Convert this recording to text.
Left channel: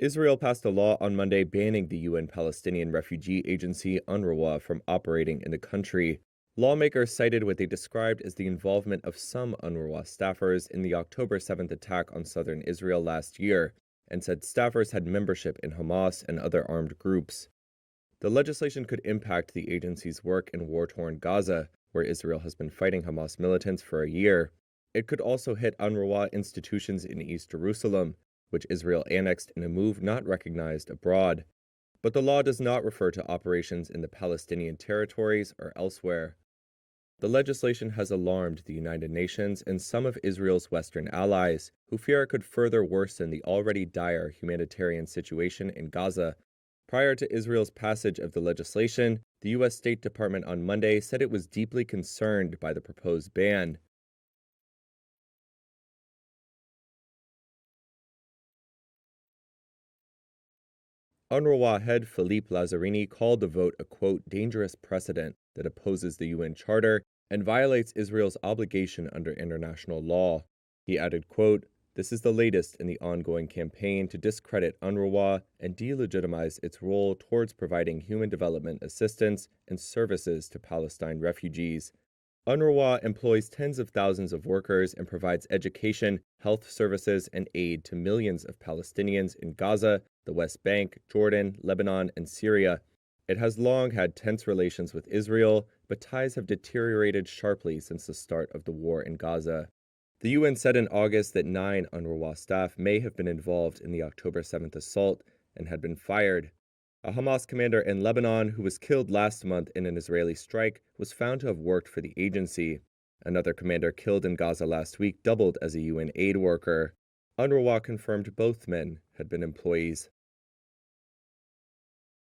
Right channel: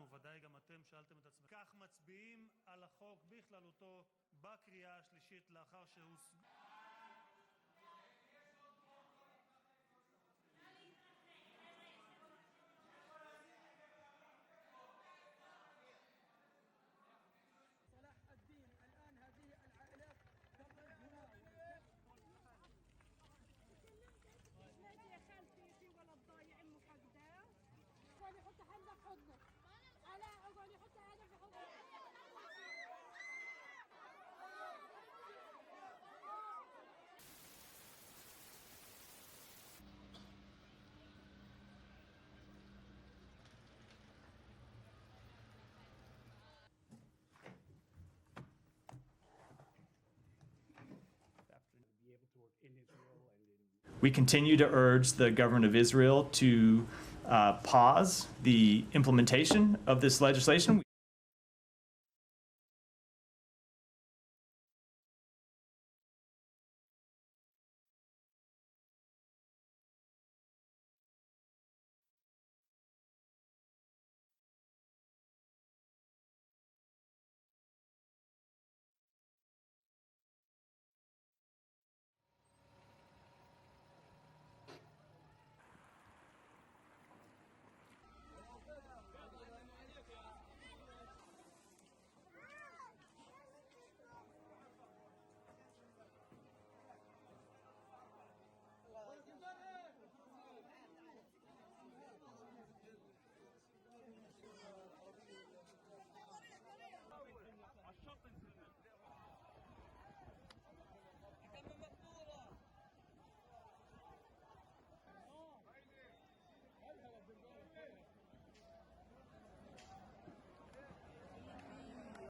Israel passed a law on Monday banning the UN Palestinian Refugee Agency, UNRWA, from operating in the country. Lawmakers cited what they described as the involvement of some UNRWA staffers in the October 7th attack on southern Israel last year, and said staffers had membership in Hamas and other armed groups. The legislation could impact the agency's work in war-torn Gaza, where Israel has been fighting Hamas militants for a year. It could also hit UNRWA institutions in East Jerusalem, which Israel annexed in a move not recognized abroad. But the law does not refer to operations in the Palestinian territories or elsewhere. The legislation has alarmed the United Nations and some of Israel's Western allies, who fear it could further worsen the already dire humanitarian situation in Gaza. Prior to Israel's passage of the legislation, the U.S. State Department on Monday said it was deeply concerned by the proposed ban. We continue to urge the government of Israel to pause the implementation of this legislation. UNRWA head Philippe Lazzarini called the vote a, quote, dangerous precedent that opposes the UN Charter and violates Israel's obligation under international law. He added, quote, this is the latest in the ongoing campaign to discredit UNRWA and delegitimize its role towards providing human development assistance and services to Palestine refugees. UNRWA employs tens of thousands of workers and provides education, health services, and aid to millions of Palestinians in Gaza, the West Bank, Jordan, Lebanon, and Syria. It has long had tense relations with Israel, but ties have deteriorated sharply since the start of the war in Gaza. The UN said in August that 9 UNRWA staff may have been involved in the October 7th assault and had been fired. A Hamas commander in Lebanon who was killed last month in an Israeli strike was found to have worked for the agency. Another commander killed in Gaza last week doubled as a UN aid worker. UNRWA confirmed both men had been employees.